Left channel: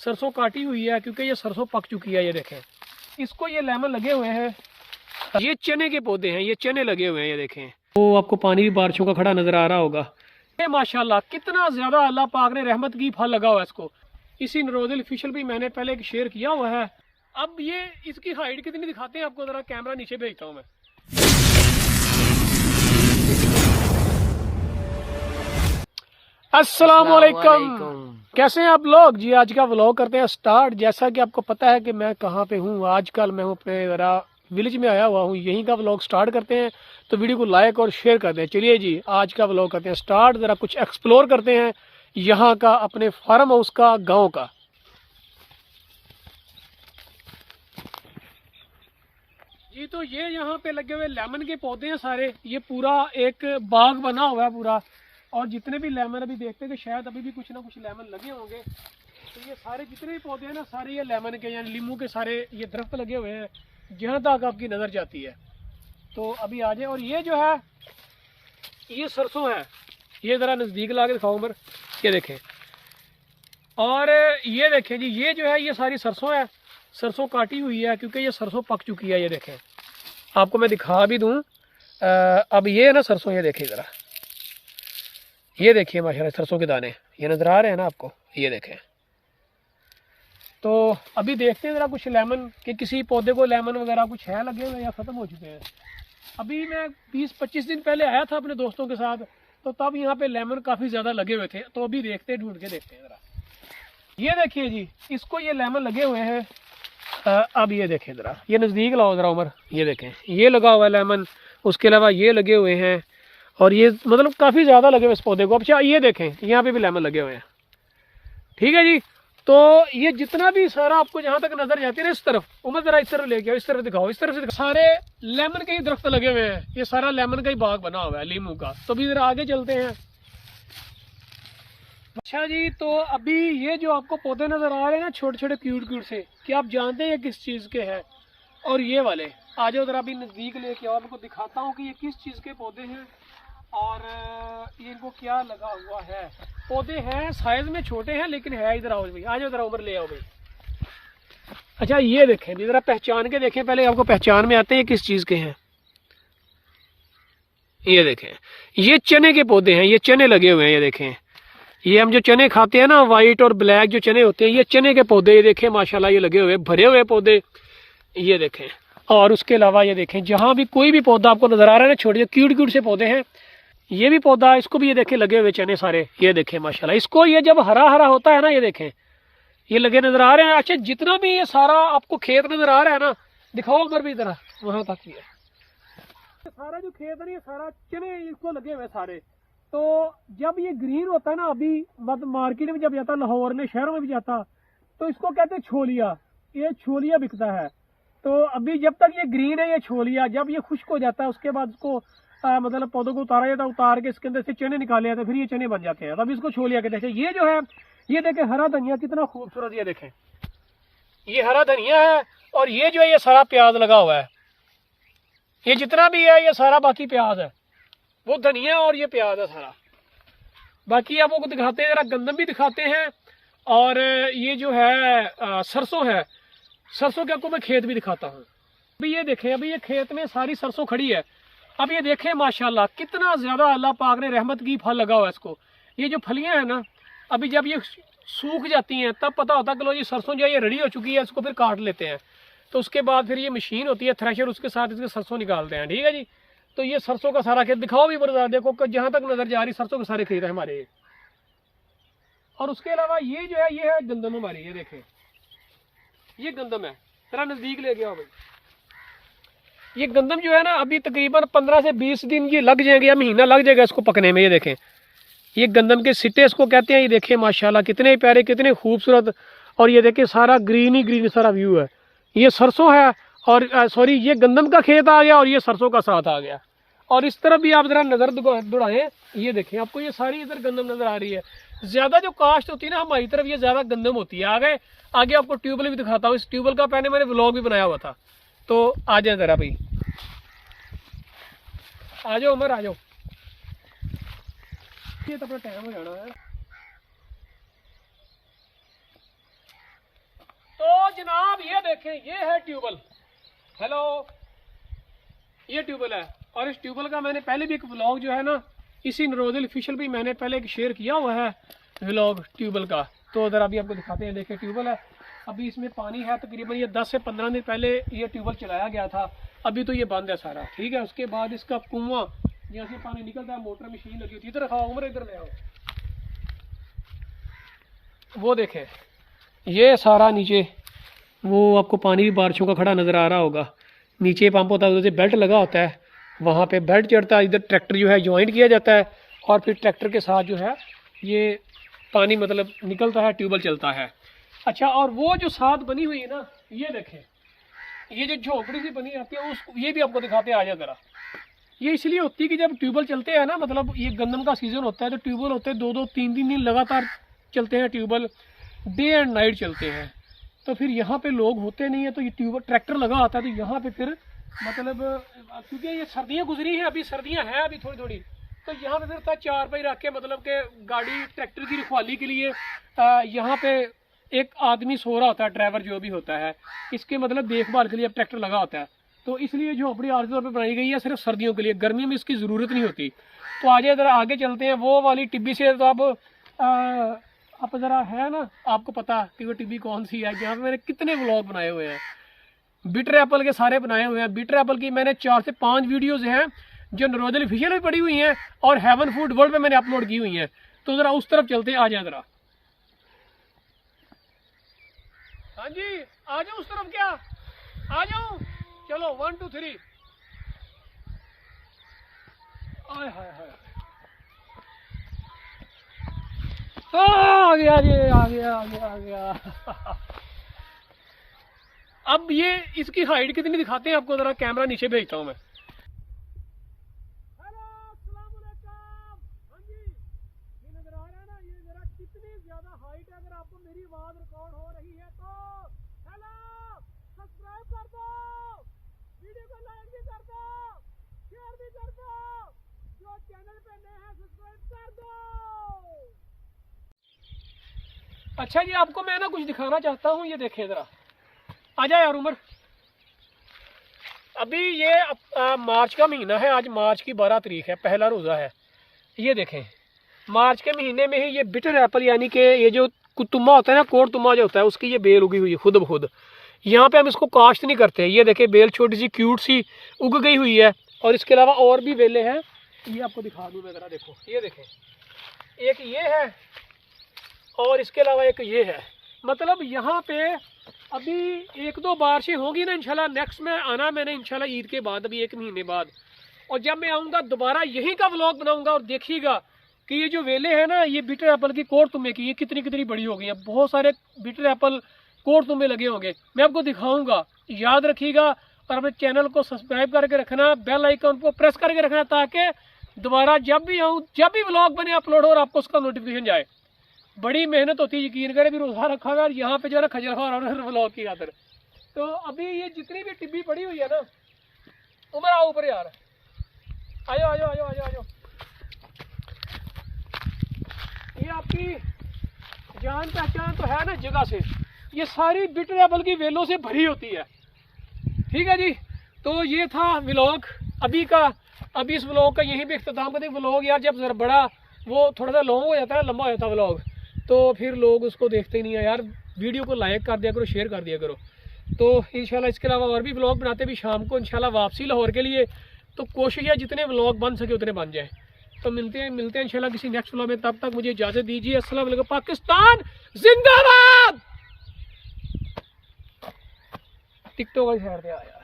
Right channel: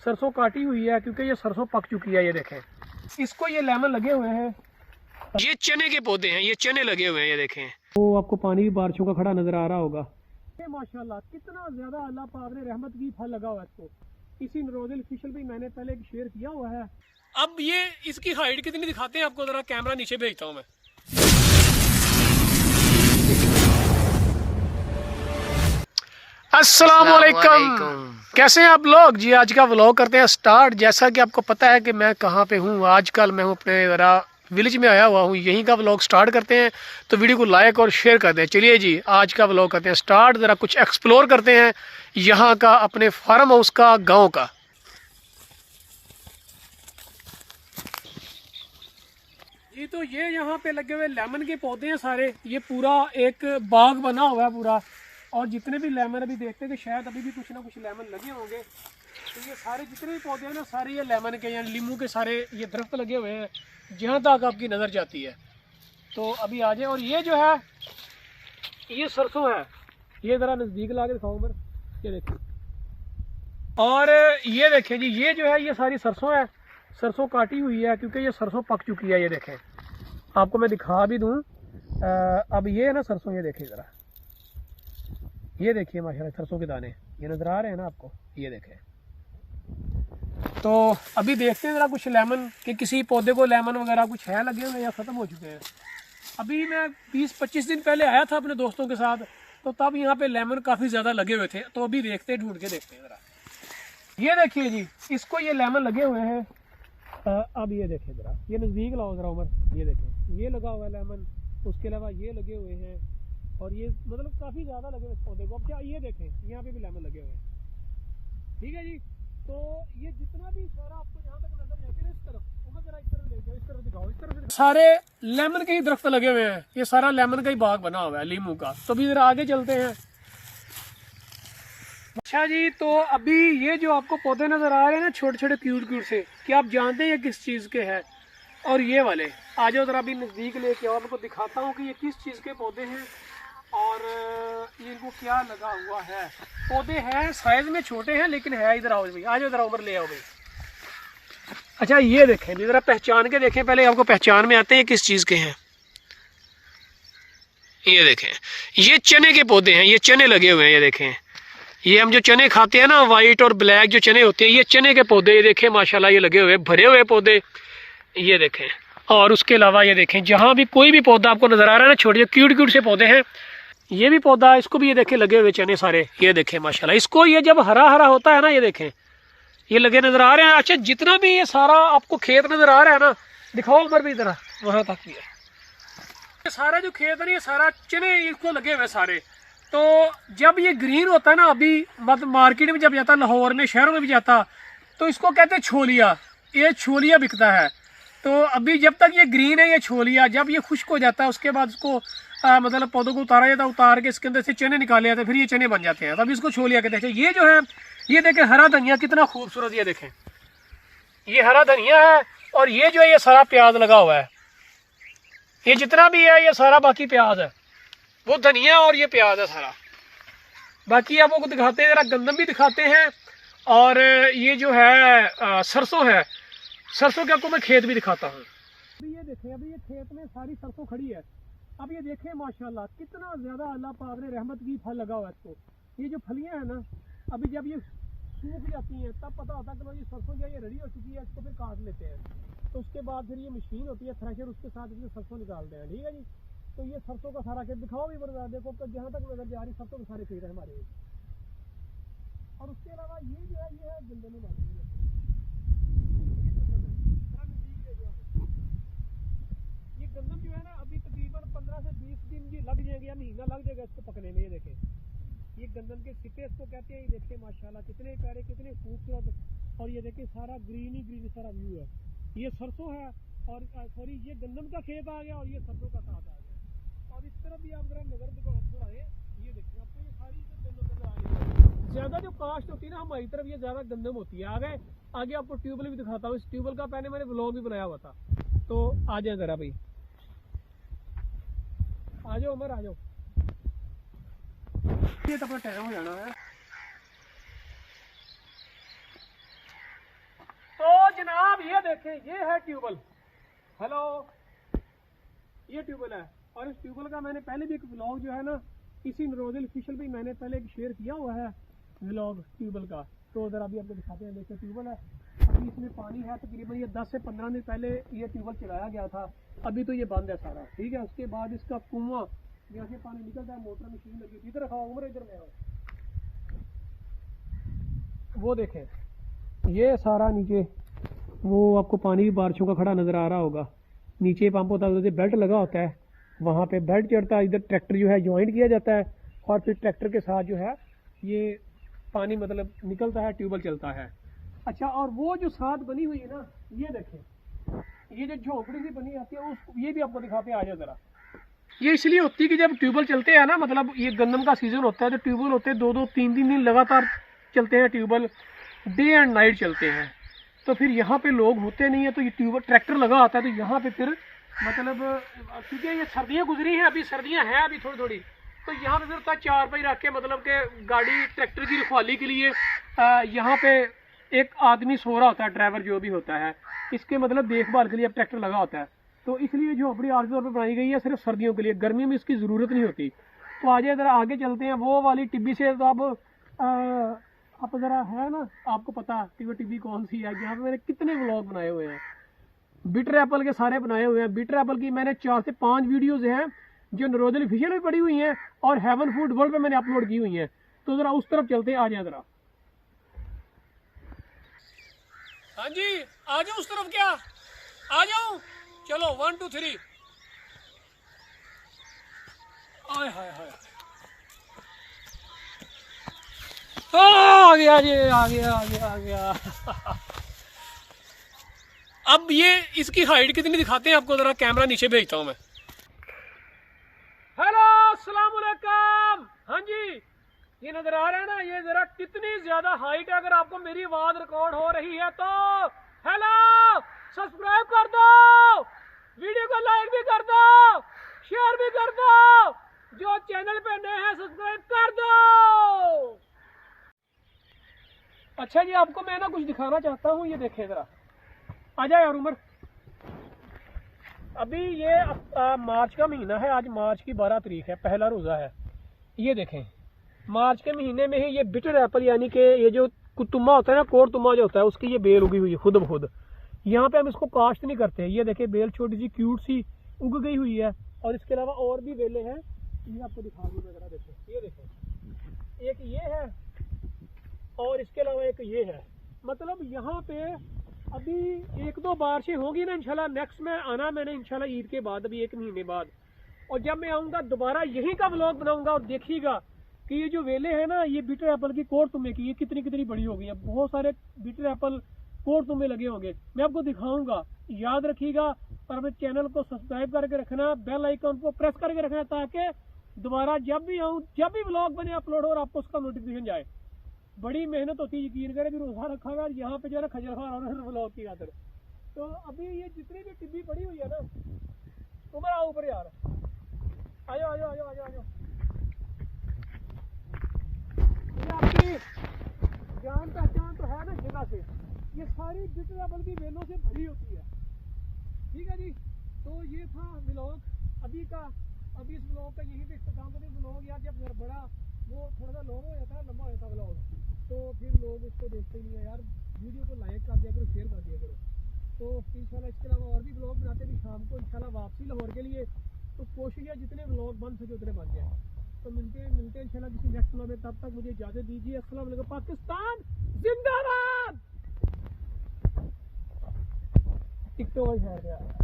सरसों काटी हुई है क्योंकि ये सरसों पक चुकी है। ये देखें, इसको ये लेमन लगे हुए हैं। ये चने के पौधे हैं, ये चने लगे हुए हैं। ये देखें, तो आपको पानी भी बारिशों का खड़ा नजर आ रहा होगा। ये माशाल्लाह कितना ज़्यादा अल्लाह पाक ने रहमत की फल लगा हुआ है इसको। इसी नरोदिल ऑफिशियल भी मैंने पहले शेयर किया हुआ है। अब ये इसकी हाइट कितनी दिखाते हैं आपको, ज़रा कैमरा नीचे भेजता हूँ मैं। अस्सलामुअलैकुम, कैसे हैं आप लोग जी। आज का व्लॉग करते हैं स्टार्ट। जैसा कि आपको पता है कि मैं कहाँ पे हूँ, आजकल मैं हूँ अपने ज़रा विलेज में आया हुआ हूँ। यहीं का व्लॉग स्टार्ट करते हैं, तो वीडियो को लाइक और शेयर कर दें। चलिए जी, आज का व्लॉग करते हैं स्टार्ट। ज़रा कुछ एक्सप्लोर करते हैं यहाँ का, अपने फार्म हाउस का, गाँव का। जी तो ये यहाँ पे लगे हुए लेमन के पौधे हैं सारे। ये पूरा एक बाग बना हुआ है पूरा, और जितने भी लेमन अभी देखते हैं कि शायद अभी भी कुछ ना कुछ लेमन लगे होंगे। तो ये सारे जितने भी पौधे हैं ना, सारे ये लेमन के या लीमू के सारे ये दरख्त लगे हुए हैं जहाँ तक आपकी नज़र जाती है। तो अभी आ जाए। और ये जो है ये सरसों है। ये ज़रा नज़दीक ला के दिखाओ उमर, ये देखें। और ये देखें जी, ये जो है ये सारी सरसों है। सरसों काटी हुई है क्योंकि ये सरसों पक चुकी है। ये देखें, आपको मैं दिखा भी दूँ। अब ये है ना सरसों, ये देखें ज़रा, ये देखिए माशाल्लाह सरसों के दाने ये नज़र आ रहे हैं ना आपको, ये देखें। तो अभी देखते हैं ज़रा कुछ लेमन के, किसी पौधे को लेमन वगैरह कुछ है लगे हुए या ख़त्म हो चुके हैं। अभी मैं 20-25 दिन पहले आया था अपने दोस्तों के साथ, तो तब यहाँ पे लेमन काफ़ी ज़्यादा लगे हुए थे। तो अभी देखते हैं, ढूंढ के देखते हैं ज़रा। ये देखिए जी, इसको ये लेमन लगे हुए हैं। अब ये देखें ज़रा, ये नज़दीक लाओ ज़रा उमर, ये देखें, ये लगा हुआ है लेमन। उसके अलावा ये लगे हुए हैं, और ये मतलब काफ़ी ज़्यादा लगे हुए इस पौधे को। अच्छा ये देखें, यहाँ पे भी लेमन लगे हुए हैं। ठीक है जी, तो ये जितना भी सारा आपको जहाँ तक नज़र जाती है ना, इस तरफ उमर ज़रा इस तरफ लेके आओ, इस तरफ दिखाओ, इस तरफ से दिखाओ। सारे लेमन के ही दरख्त लगे हुए हैं। ये सारा लेमन का ही बाग बना हुआ है, लीमू का। तो अभी ज़रा आगे चलते हैं। अच्छा जी, तो अभी ये जो आपको पौधे नज़र आ रहे हैं ना, छोटे छोटे क्यूट क्यूट से, क्या आप जानते हैं ये किस चीज़ के हैं? और ये वाले आ जाओ ज़रा, अभी नज़दीक लेके आओ, आपको दिखाता हूँ कि ये किस चीज़ के पौधे हैं और इनको क्या लगा हुआ है। पौधे हैं साइज में छोटे हैं, लेकिन है। इधर आओ भाई, आ जाओ ज़रा उमर, ले आओ भाई। अच्छा ये देखें जी, ज़रा पहचान के देखें, पहले आपको पहचान में आते हैं किस चीज़ के हैं। ये देखें, ये चने के पौधे हैं, ये चने लगे हुए हैं। ये देखें, ये हम जो चने खाते हैं ना, वाइट और ब्लैक जो चने होते हैं, ये चने के पौधे। ये देखें माशाल्लाह, ये लगे हुए भरे हुए पौधे, ये देखें। और उसके अलावा ये देखें, जहाँ भी कोई भी पौधा आपको नज़र आ रहा है ना, छोटे क्यूट क्यूट से पौधे हैं। ये भी पौधा, इसको भी ये देखें लगे हुए चने सारे। ये देखें माशाल्लाह, इसको ये जब हरा हरा होता है ना, ये देखें ये लगे नज़र आ रहे हैं। अच्छा, जितना भी ये सारा आपको खेत नज़र आ रहा है ना, दिखाओ उमर भी ज़रा, वहाँ तक भी है। ये सारा जो खेत है ना, ये सारा चने इसको लगे हुए सारे। तो जब ये ग्रीन होता है ना, अभी मतलब मार्केट में जब जाता, लाहौर में, शहरों में भी जाता, तो इसको कहते हैं छोलिया। ये छोलिया बिकता है। तो अभी जब तक ये ग्रीन है ये छोलिया, जब ये खुश्क हो जाता है उसके बाद उसको मतलब पौधों को उतारा जाता है, उतार के इसके अंदर से चने निकाले जाते हैं, फिर ये चने बन जाते हैं, तब इसको छोलिया कहते हैं। ये जो है, ये देखें हरा धनिया कितना खूबसूरत, ये देखें ये हरा धनिया है। और ये जो है ये सारा प्याज लगा हुआ है। ये जितना भी है ये सारा बाकी प्याज है, वो धनिया और ये प्याज है सारा। बाकी आपको दिखाते हैं, जरा गंदम भी दिखाते हैं। और ये जो है सरसों है। सरसों के आपको मैं खेत भी दिखाता हूँ। अभी ये देखें, अभी ये खेत में सारी सरसों खड़ी है। अब ये देखें माशाल्लाह कितना ज़्यादा अल्लाह पाक ने रहमत की फल लगा हुआ है इसको। ये जो फलियाँ हैं ना, अभी जब ये सूख जाती हैं तब पता होता है कि लो जी सरसों जो है ये रेडी हो चुकी है, इसको फिर काट लेते हैं। तो उसके बाद फिर ये मशीन होती है थ्रेशर, उसके साथ इसके सरसों निकालते हैं। ठीक है जी, तो ये सरसों का सारा खेत दिखाओ भी बरदार, देखो जहाँ तक नज़र जा रही सरसों के सारे खेत है हमारे ये। और उसके अलावा ये जो है ये है गंदम हमारी। ये देखें ये गंदम है, जरा नज़दीक ले गया भाई। ये गंदम जो है ना, अभी तकरीबन 15 से 20 दिन ये लग जाएंगे, या महीना लग जाएगा इसको पकने में। ये देखें, ये गंदम के सिट्टे इसको कहते हैं। ये देखें माशाल्लाह कितने प्यारे, कितने खूबसूरत। और ये देखें सारा ग्रीन ही ग्रीन सारा व्यू है। ये सरसों है, और सॉरी ये गंदम का खेत आ गया, और ये सरसों का साथ आ गया। और इस तरफ भी आप ज़रा नज़र दौड़ाएँ, ये देखें आपको ये सारी इधर गंदम नज़र आ रही है। ज़्यादा जो काश्त होती है ना हमारी तरफ, ये ज़्यादा गंदम होती है। आगे आपको ट्यूबवेल भी दिखाता हूँ। इस ट्यूबवेल का पहले मैंने व्लॉग भी बनाया हुआ था, तो आ जाए ज़रा भाई, आ जाओ उमर, आ जाओ। ये तो अपना टाइम हो जाना है। तो जनाब ये देखें, ये है ट्यूबवेल। हेलो, ये ट्यूबवेल है। और इस ट्यूबवेल का मैंने पहले भी एक व्लॉग जो है ना इसी नरोदल ऑफिशियल भी मैंने पहले एक शेयर किया हुआ है व्लॉग ट्यूबवेल का। तो उधर अभी आपको दिखाते हैं। देखिए ट्यूबवेल है, अभी इसमें पानी है तकरीबन ये 10 से 15 दिन पहले ये ट्यूबवेल चलाया गया था। अभी तो ये बंद है सारा, ठीक है। उसके बाद इसका कुआं जहाँ से पानी निकलता है, मोटर मशीन लगी होती है। इधर रखा उम्र, इधर ले आओ। वो देखें, ये सारा नीचे वो आपको पानी भी बारिशों का खड़ा नज़र आ रहा होगा। नीचे पंप होता है, उधर से बेल्ट लगा होता है, वहाँ पे बेल्ट चढ़ता है। इधर ट्रैक्टर जो है ज्वाइंट किया जाता है और फिर ट्रैक्टर के साथ जो है ये पानी मतलब निकलता है, ट्यूबवेल चलता है। अच्छा, और वो जो साथ बनी हुई है ना, ये देखें, ये जो झोपड़ी सी बनी रहती है, उस ये भी आपको दिखाते हैं। आ जाए ज़रा। ये इसलिए होती है कि जब ट्यूबवेल चलते हैं ना, मतलब ये गंदम का सीज़न होता है, तो ट्यूबवेल होते हैं 2-2, 3-3 दिन लगातार चलते हैं ट्यूबवेल, डे एंड नाइट चलते हैं। तो फिर यहाँ पे लोग होते नहीं है, तो ये ट्यूबवेल ट्रैक्टर लगा आता है, तो यहाँ पे फिर मतलब क्योंकि ये सर्दियाँ गुजरी हैं, अभी सर्दियाँ हैं अभी थोड़ी थोड़ी, तो यहाँ पे फिर चार पाई रख के मतलब कि गाड़ी ट्रैक्टर की रखवाली के लिए यहाँ पे एक आदमी सो रहा होता है, ड्राइवर जो भी होता है, इसके मतलब देखभाल के लिए अब ट्रैक्टर लगा होता है। तो इसलिए झोपड़ी आर्जी तौर पर बनाई गई है सिर्फ सर्दियों के लिए, गर्मी में इसकी ज़रूरत नहीं होती। तो आज ज़रा आगे चलते हैं। वो वाली टिब्बी से तो अब ज़रा है ना, आपको पता कि वो टिब्बी कौन सी है। यहाँ पे मैंने कितने व्लॉग बनाए हुए हैं, बिटर एप्पल के सारे बनाए हुए हैं। बिटर एप्पल की मैंने 4 से 5 वीडियोज़ हैं जो नरोदल ऑफिशियल में पड़ी हुई हैं और हेवन फूड वर्ल्ड पे मैंने अपलोड की हुई हैं। तो ज़रा उस तरफ चलते हैं, आ जाए ज़रा। हाँ जी, आ जाओ उस तरफ। क्या आ जाओ, चलो 1 2 3। आय हाय हाय, आ गया जी, आ गया आ गया आ गया। अब ये इसकी हाइट कितनी दिखाते हैं आपको, जरा कैमरा नीचे भेजता हूँ मैं। हेलो, अस्सलाम वालेकुम। हाँ जी, ये नजर आ रहा है ना, ये जरा कितनी ज्यादा हाइट है। अगर आपको मेरी आवाज रिकॉर्ड हो रही है तो हेलो, सब्सक्राइब कर दो, वीडियो को लाइक भी कर दो, शेयर भी कर दो, जो चैनल पे नए हैं सब्सक्राइब कर दो। अच्छा जी, आपको मैं ना कुछ दिखाना चाहता हूँ। ये देखें जरा, आ जाए यार उमर। अभी ये मार्च का महीना है, आज मार्च की 12 तारीख है, पहला रोज़ा है। ये देखें, मार्च के महीने में ही ये बिटर एप्पल यानी कि ये जो कुतुम्मा होता है ना, कोड़ तुम्मा जो होता है, उसकी ये बेल उगी हुई है खुद ब खुद। यहाँ पे हम इसको काश्त नहीं करते। ये देखें, बेल छोटी सी क्यूट सी उग गई हुई है। और इसके अलावा और भी बेलें हैं, ये आपको दिखा दूँ मैं ज़रा। देखो, ये देखें, एक ये है और इसके अलावा एक ये है। मतलब यहाँ पे अभी 1-2 बारिशें होंगी ना इंशाल्लाह। नेक्स्ट में आना मैंने इंशाल्लाह ईद के बाद, अभी 1 महीने बाद। और जब मैं आऊँगा दोबारा यहीं का व्लॉग बनाऊँगा और देखिएगा कि ये जो वेले हैं ना, ये बिटर एप्पल की कोड़ तुम्बे की, ये कितनी कितनी बड़ी हो गई है। बहुत सारे बिटर एप्पल कोड़ तुम्बे लगे होंगे, मैं आपको दिखाऊँगा। याद रखिएगा और अपने चैनल को सब्सक्राइब करके रखना, बेल आइकन को प्रेस करके रखना, ताकि दोबारा जब भी आऊँ, जब भी व्लॉग बने अपलोड हो और आपको उसका नोटिफिकेशन जाए। बड़ी मेहनत होती है, यकीन करें। भी रोज़ा रखा हुआ है यहाँ पे जो है ना, खजर खा रहा है व्लॉग की खातिर। तो अभी ये जितनी भी टिब्बी पड़ी हुई है ना, उमर आओ ऊपर यार, आ जाओ आ जाओ आ जाओ आ जाओ आ जाओ। ये आपकी जान पहचान तो है ना जगह से, ये सारी बिटर एप्पल की वेलों से भरी होती है। ठीक है जी, तो ये था व्लॉग अभी का। अभी इस व्लॉग का यहीं पे इख्तिताम करते। व्लॉग यार जब जरा बड़ा वो थोड़ा सा लॉन्ग हो जाता है, लंबा हो जाता है व्लॉग, तो फिर लोग उसको देखते ही नहीं है यार। वीडियो को लाइक कर दिया करो, शेयर कर दिया करो। तो इंशाल्लाह इसके अलावा और भी व्लॉग बनाते भी शाम को इंशाल्लाह वापसी लाहौर के लिए। तो कोशिश है जितने व्लॉग बन सके उतने बन जाए। तो मिलते हैं इंशाल्लाह किसी नेक्स्ट व्लॉग में। तब तक मुझे इजाज़त दीजिए। अस्सलाम वालेकुम। पाकिस्तान जिंदाबाद। टिकटॉक वाली साइड पे आया।